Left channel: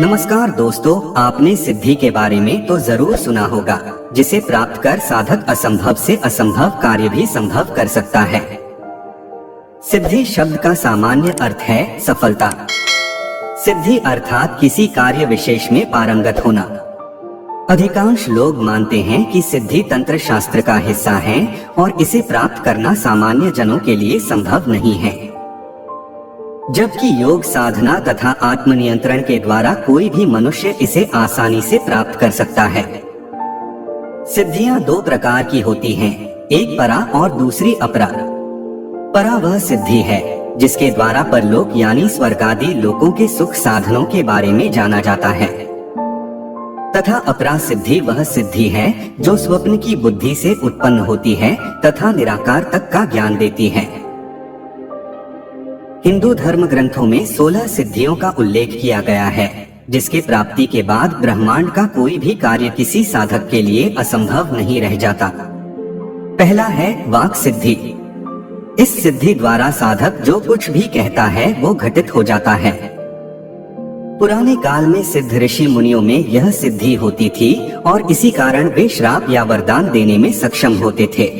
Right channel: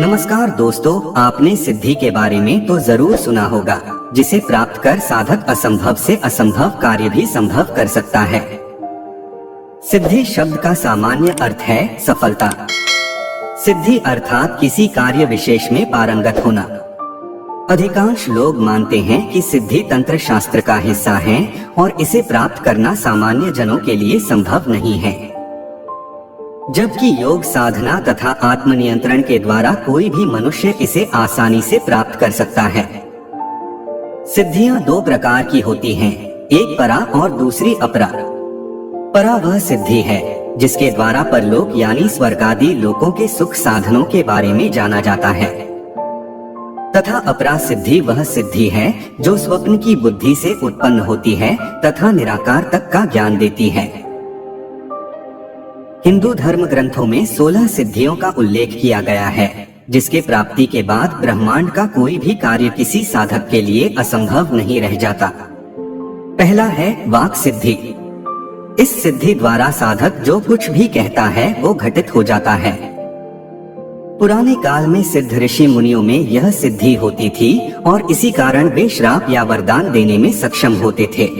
नमस्कार दोस्तों, आपने सिद्धि के बारे में तो जरूर सुना होगा, जिसे प्राप्त कर साधक असंभव से असंभव कार्य भी संभव कर सकता है। सिद्धि शब्द का सामान्य अर्थ है सफलता। सिद्धि अर्थात किसी कार्य विशेष में पारंगत होना। अधिकांश लोग मानते हैं कि सिद्धि तंत्र शास्त्र का हिस्सा है और इसे प्राप्त करना सामान्य जनों के लिए संभव नहीं है, जबकि योग साधना तथा आत्मनियंत्रण के द्वारा कोई भी मनुष्य इसे आसानी से प्राप्त कर सकता है। सिद्धियां दो प्रकार की होती हैं, एक परा और दूसरी अपरा। परा वह सिद्धि है जिसके द्वारा परलोक यानी स्वर्ग आदि लोकों के सुख साधनों के बारे में जाना जाता है, तथा अपरा सिद्धि वह सिद्धि है जो स्वप्न की बुद्धि से उत्पन्न होती है तथा निराकार तक का ज्ञान देती है। हिंदू धर्म ग्रंथों में 16 सिद्धियों का उल्लेख किया गया है, जिसके प्राप्ति के बाद ब्रह्मांड का कोई भी कार्य किसी साधक के लिए असंभव नहीं रह जाता। पहला है वाक सिद्धि। इस सिद्धि द्वारा साधक जो कुछ भी कहता है वो घटित हो जाता है। पुराने काल में सिद्ध ऋषि मुनियों में यह सिद्धि होती थी और इसी कारण वे श्राप या वरदान देने में सक्षम होते थे।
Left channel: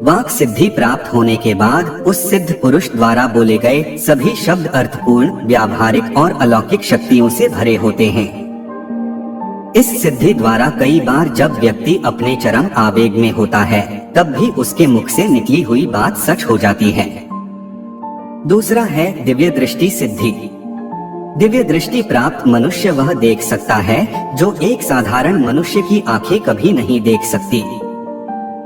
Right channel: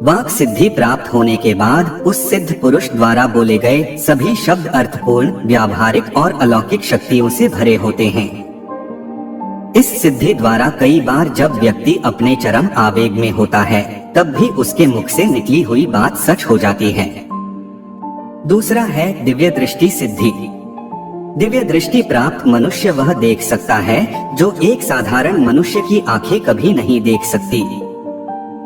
वाक सिद्धि प्राप्त होने के बाद उस सिद्ध पुरुष द्वारा बोले गए सभी शब्द अर्थपूर्ण, व्यावहारिक और अलौकिक शक्तियों से भरे होते हैं। इस सिद्धि द्वारा कई बार जब व्यक्ति अपने चरम आवेग में होता है तब भी उसके मुख से निकली हुई बात सच हो जाती है। दूसरा है दिव्य दृष्टि सिद्धि। दिव्य दृष्टि प्राप्त मनुष्य वह देख सकता है जो एक साधारण मनुष्य की आंखें कभी नहीं देख सकती।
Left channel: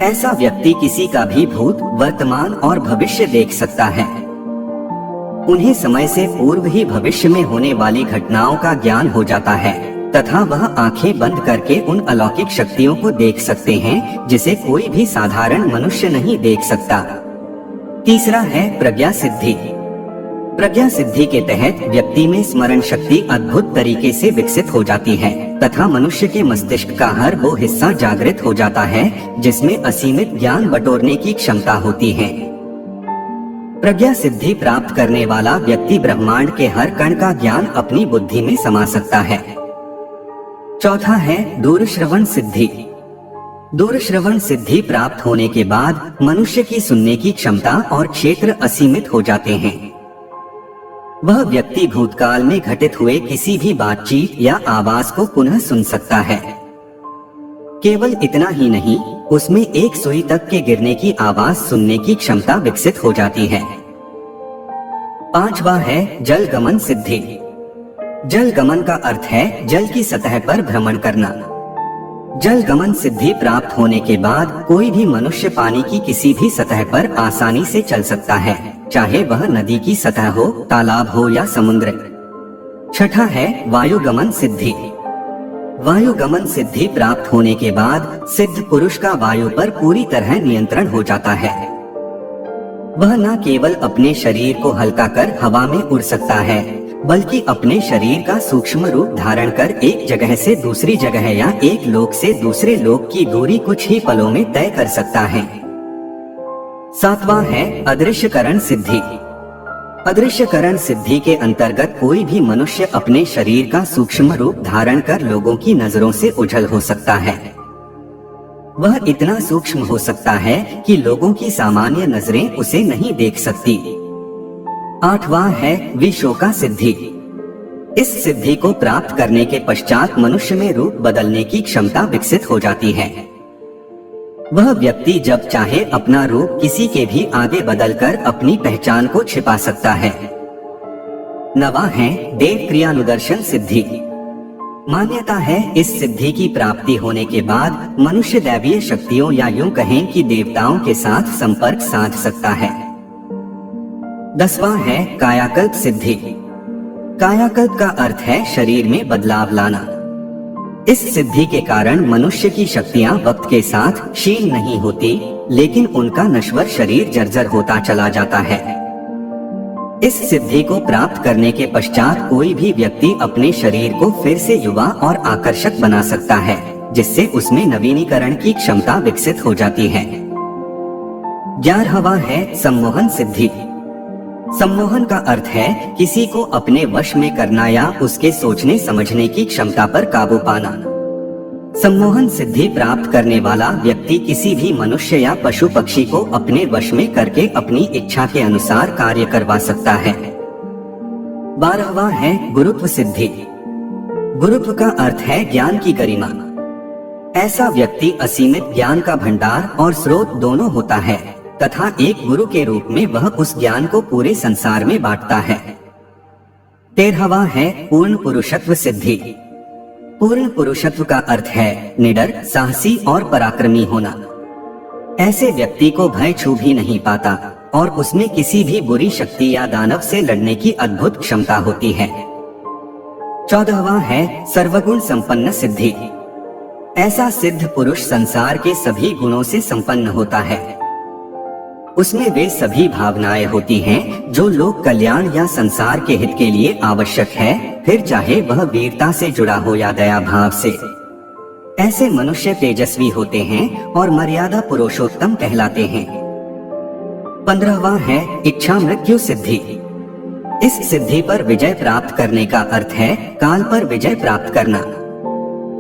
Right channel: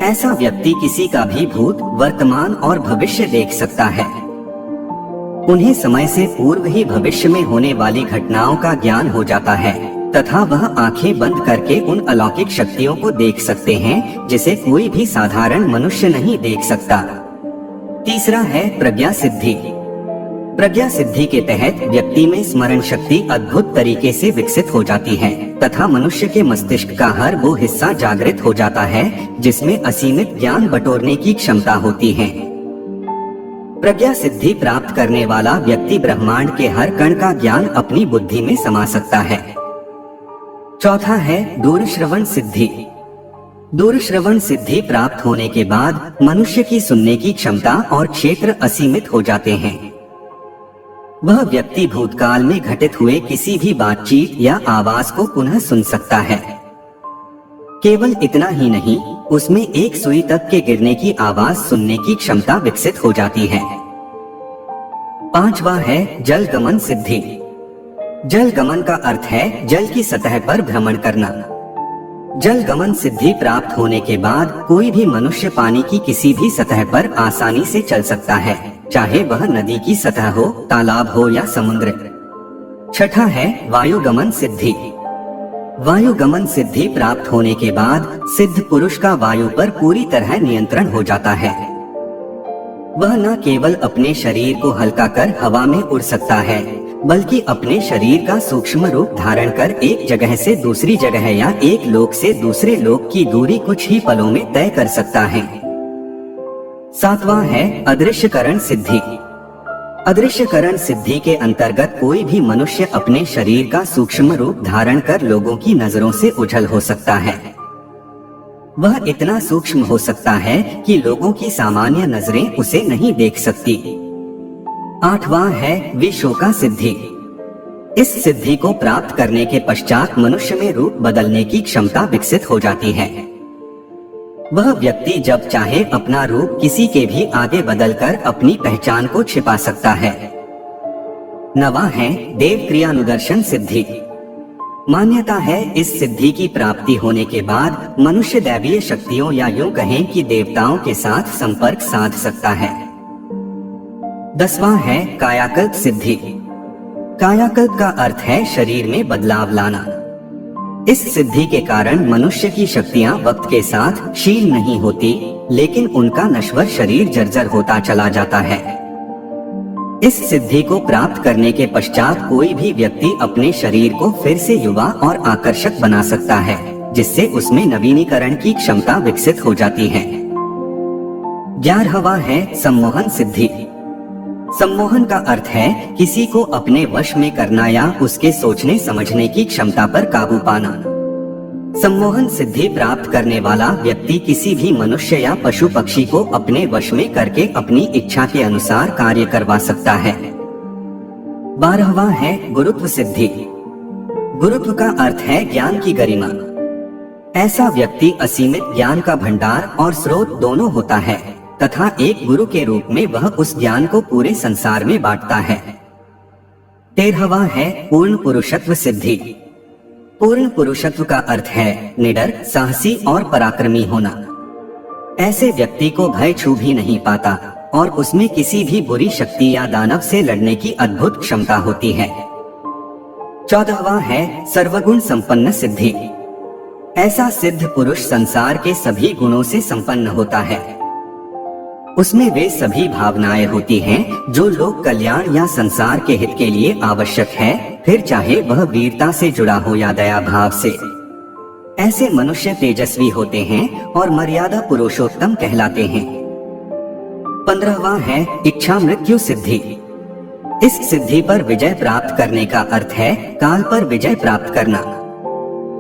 ऐसा व्यक्ति किसी का भी भूत, वर्तमान और भविष्य देख सकता है। उन्हें समय से पूर्व ही भविष्य में होने वाली घटनाओं का ज्ञान हो जाता है तथा वह आंखें बंद करके उन अलौकिक शक्तियों को देख सकते हैं जिसे कोई भी साधारण मनुष्य नहीं देख सकता। तीसरा है प्रज्ञा सिद्धि। प्रज्ञा सिद्धि के तहत व्यक्ति में स्मरण शक्ति अद्भुत तरीके से विकसित हो जाती है तथा मनुष्य के मस्तिष्क का हर वो हिस्सा जागृत हो जाता है जिसमें असीमित ज्ञान बटोरने की क्षमता होती है। प्रज्ञा सिद्धि प्राप्त करने वाला व्यक्ति ब्रह्मांड के हर कण का ज्ञान अपनी बुद्धि में समा सकता है। चौथा है दूरश्रवण सिद्धि। दूरश्रवण सिद्धि प्राप्त होने के बाद मनुष्य की सुनने की क्षमता और क्षेत्र असीमित हो जाते हैं। वह व्यक्ति भूतकाल में घटित हुए किसी भी बातचीत या आवाज को पुनः सुन सकता है। केवल इतना ही नहीं, उसमें एक सुई तक के गिरने की आवाज सुनने की क्षमता विकसित हो जाती है। पांचवा है जल गमन सिद्धि। जल गमन का अर्थ है जल की सतह पर भ्रमण करना। जल गमन सिद्धि प्राप्त होने के बाद कोई भी मनुष्य पानी की किसी भी सतह पर आसानी से चल सकता है, चाहे वह नदी की सतह हो, तालाब हो या समुद्र। छठा है वायुगमन सिद्धि। वायुगमन सिद्धि प्राप्त होने के बाद सिद्ध पुरुष का वायु पर पूरी तरह नियंत्रण हो जाता है। वह न केवल अपने शरीर को हल्का कर हवा में उड़ सकता है, बल्कि अपने शरीर का सूक्ष्म रूप धारण कर एक जगह से दूसरी जगह या एक लोक से दूसरे लोक की दूरी कुछ ही पलों में तय कर सकता है। सातवां है अदृश्यकरण सिद्धि। अदृश्यकरण सिद्धि के अंतर्गत कोई भी मनुष्य अपने शरीर का सूक्ष्म रूप धारण कर लोगों की नजरों से ओझल हो सकता है। वह इतना सूक्ष्म हो सकता है कि लोगों की सामान्य नजरें उसे नहीं देख सकती। आठवां है विशोका सिद्धि। इस सिद्धि को प्राप्त करने के पश्चात मनुष्य में रूप बदलने की क्षमता विकसित हो जाती है। वह व्यक्ति जब चाहे अपना रूप किसी के भी आगे बदलकर अपनी पहचान को छिपा सकता है। नवा है देव क्रियानुदर्शन सिद्धि। मान्यता है इस सिद्धि की प्राप्ति होने के बाद मनुष्य दैवीय शक्तियों या यूं कहें कि देवताओं के साथ संपर्क साध सकता है। दसवां है कायाकल्प सिद्धि। कायाकल्प का अर्थ है शरीर में बदलाव लाना। इस सिद्धि के कारण मनुष्य की शक्तियां वक्त के साथ क्षीण नहीं होती, लेकिन उनका नश्वर शरीर जर्जर होता चला जाता है। इस सिद्धि को प्राप्त करने के पश्चात कोई भी व्यक्ति अपने शरीर को फिर से युवा और आकर्षक बना सकता है, जिससे उसमें नवीनीकरण की क्षमता विकसित हो जाती है। 11वां है सम्मोहन सिद्धि। सम्मोहन का अर्थ है किसी को अपने वश में करना या उसके सोचने समझने की क्षमता पर काबू पाना। सम्मोहन सिद्धि प्राप्त करने वाला व्यक्ति किसी भी मनुष्य या पशु पक्षी को अपने वश में करके अपनी इच्छा के अनुसार कार्य करवा सकता है। 12वां है गुरुत्व सिद्धि। गुरुत्व का अर्थ है ज्ञान की गरिमा। ऐसा व्यक्ति असीमित ज्ञान का भंडार और स्रोत दोनों होता है तथा एक गुरु के रूप में वह उस ज्ञान को पूरे संसार में बांटता है। 13वां है पूर्ण पुरुषत्व सिद्धि। पूर्ण पुरुषत्व का अर्थ है निडर, साहसी और पराक्रमी होना। ऐसे व्यक्ति को भय छू भी नहीं पाता और उसमें किसी भी बुरी शक्ति या दानव से लड़ने की अद्भुत क्षमता होती है। 14वां है सर्वगुण संपन्न सिद्धि। ऐसा सिद्ध पुरुष संसार के सभी गुणों से संपन्न होता है। उसमें वे सभी भावनाएं होती हैं जो लोक कल्याण या संसार के हित के लिए आवश्यक है, फिर चाहे वह वीरता से जुड़ा हो या दया भाव से। ऐसे मनुष्य तेजस्वी होते हैं और मर्यादा पुरुषोत्तम कहलाते हैं। 15वां है इच्छा मृत्यु सिद्धि। इस सिद्धि पर विजय प्राप्त करने का अर्थ है काल पर विजय प्राप्त करना।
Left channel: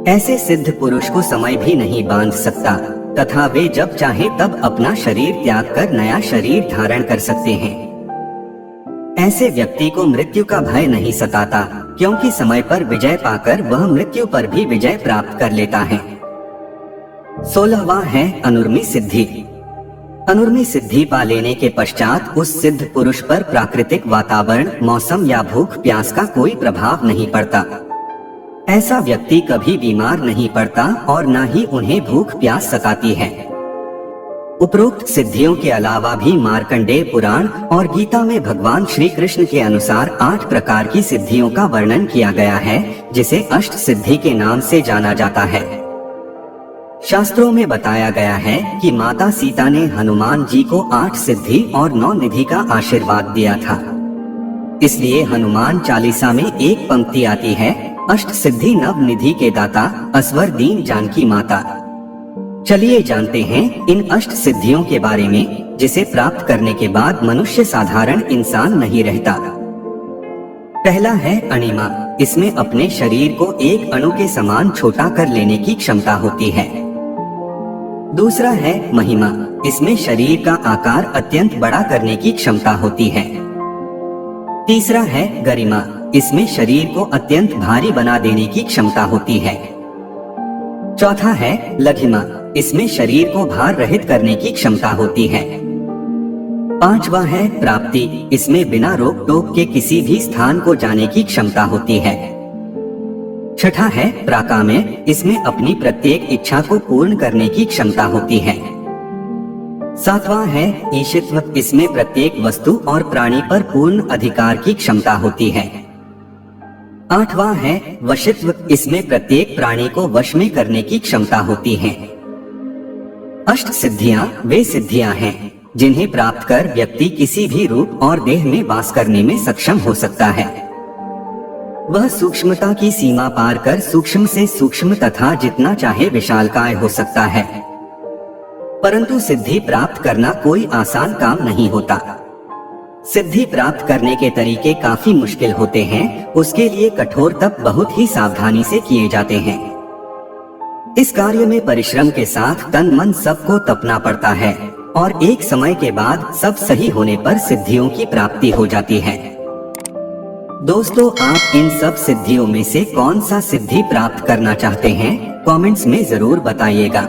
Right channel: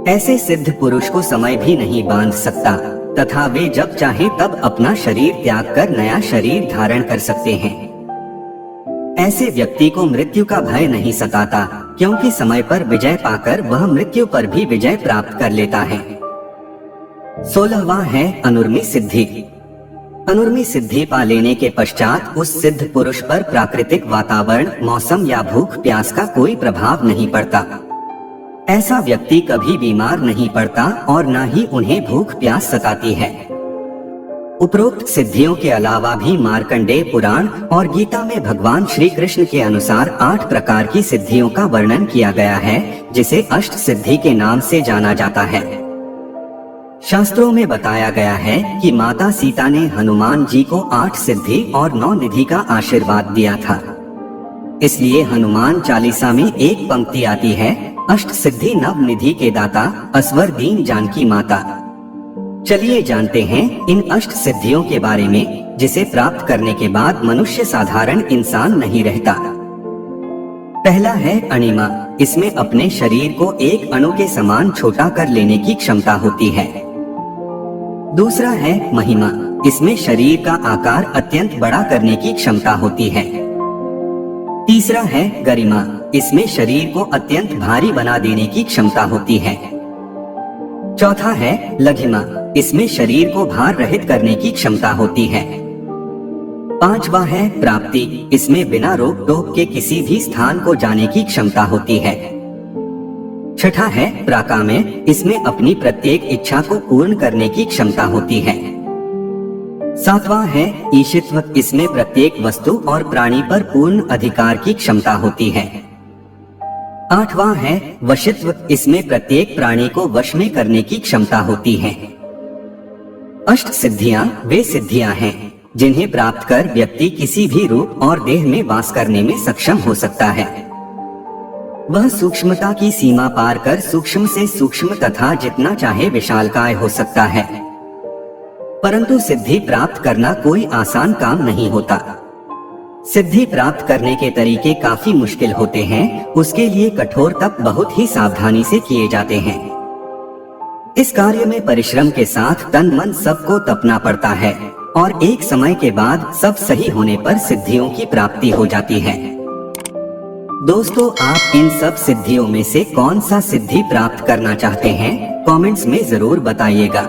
ऐसे सिद्ध पुरुष को समय भी नहीं बांध सकता तथा वे जब चाहे तब अपना शरीर त्याग कर नया शरीर धारण कर सकते हैं। ऐसे व्यक्ति को मृत्यु का भय नहीं सताता क्योंकि समय पर विजय पाकर वह मृत्यु पर भी विजय प्राप्त कर लेता है। 16वां है अनुर्मी सिद्धि। अनुर्मी सिद्धि पा लेने के पश्चात उस सिद्ध पुरुष पर प्राकृतिक वातावरण, मौसम या भूख प्यास का कोई प्रभाव नहीं पड़ता। ऐसा व्यक्ति कभी बीमार नहीं पड़ता और न ही उन्हें भूख प्यास सताती है। उपरोक्त सिद्धियों के अलावा भी मार्कंडेय पुराण और गीता में भगवान श्री कृष्ण के अनुसार 8 प्रकार की सिद्धियों का वर्णन किया गया है जिसे अष्ट सिद्धि के नाम से जाना जाता है। शास्त्रों में बताया गया है कि माता सीता ने हनुमान जी को 8 सिद्धि और 9 निधि का आशीर्वाद दिया था। इसलिए हनुमान चालीसा में एक पंक्ति आती है, अष्ट सिद्धि नव निधि के दाता, असवर दीन जानकी माता। चलिए जानते हैं इन अष्ट सिद्धियों के बारे में जिसे प्राप्त करने के बाद मनुष्य साधारण इंसान नहीं रहता। पहला है अणिमा। इसमें अपने शरीर को एक अणु के समान छोटा कर लेने की क्षमता होती है। दूसरा है महिमा। इसमें शरीर का आकार अत्यंत बड़ा करने की क्षमता होती है। तीसरा है गरिमा। इसमें शरीर को अत्यंत भारी बना देने की क्षमता होती है। चौथा है लघिमा। इसमें शरीर को भार रहित करने की क्षमता होती है। 5वां है प्राप्ति। इसमें बिना रोक टोक के किसी भी स्थान को जाने की क्षमता होती है। 6ठा है प्राकाम्य। इसमें अपनी प्रत्येक इच्छा को पूर्ण करने की क्षमता होती है। 7वां है ईशित्व। इसमें प्रत्येक वस्तु और प्राणी पर पूर्ण अधिकार की क्षमता होती है। 8वां है वशित्व। इसमें प्रत्येक प्राणी को वश में करने की क्षमता होती है। अष्ट सिद्धियां वे सिद्धियां हैं जिन्हें प्राप्त कर व्यक्ति किसी भी रूप और देह में वास करने में सक्षम हो सकता है। वह सूक्ष्मता की सीमा पार कर सूक्ष्म से सूक्ष्म तथा जितना चाहे विशालकाय हो सकता है। परंतु सिद्धि प्राप्त करना कोई आसान काम नहीं होता। सिद्धि प्राप्त करने के तरीके काफी मुश्किल होते हैं। उसके लिए कठोर तप बहुत ही सावधानी से किए जाते हैं। इस कार्य में परिश्रम के साथ तन मन सबको तपना पड़ता है और एक समय के बाद सब सही होने पर सिद्धियों की प्राप्ति हो जाती है। दोस्तों, आप इन सब सिद्धियों में से कौन सा सिद्धि प्राप्त करना चाहते हैं? कमेंट्स में जरूर बताइएगा।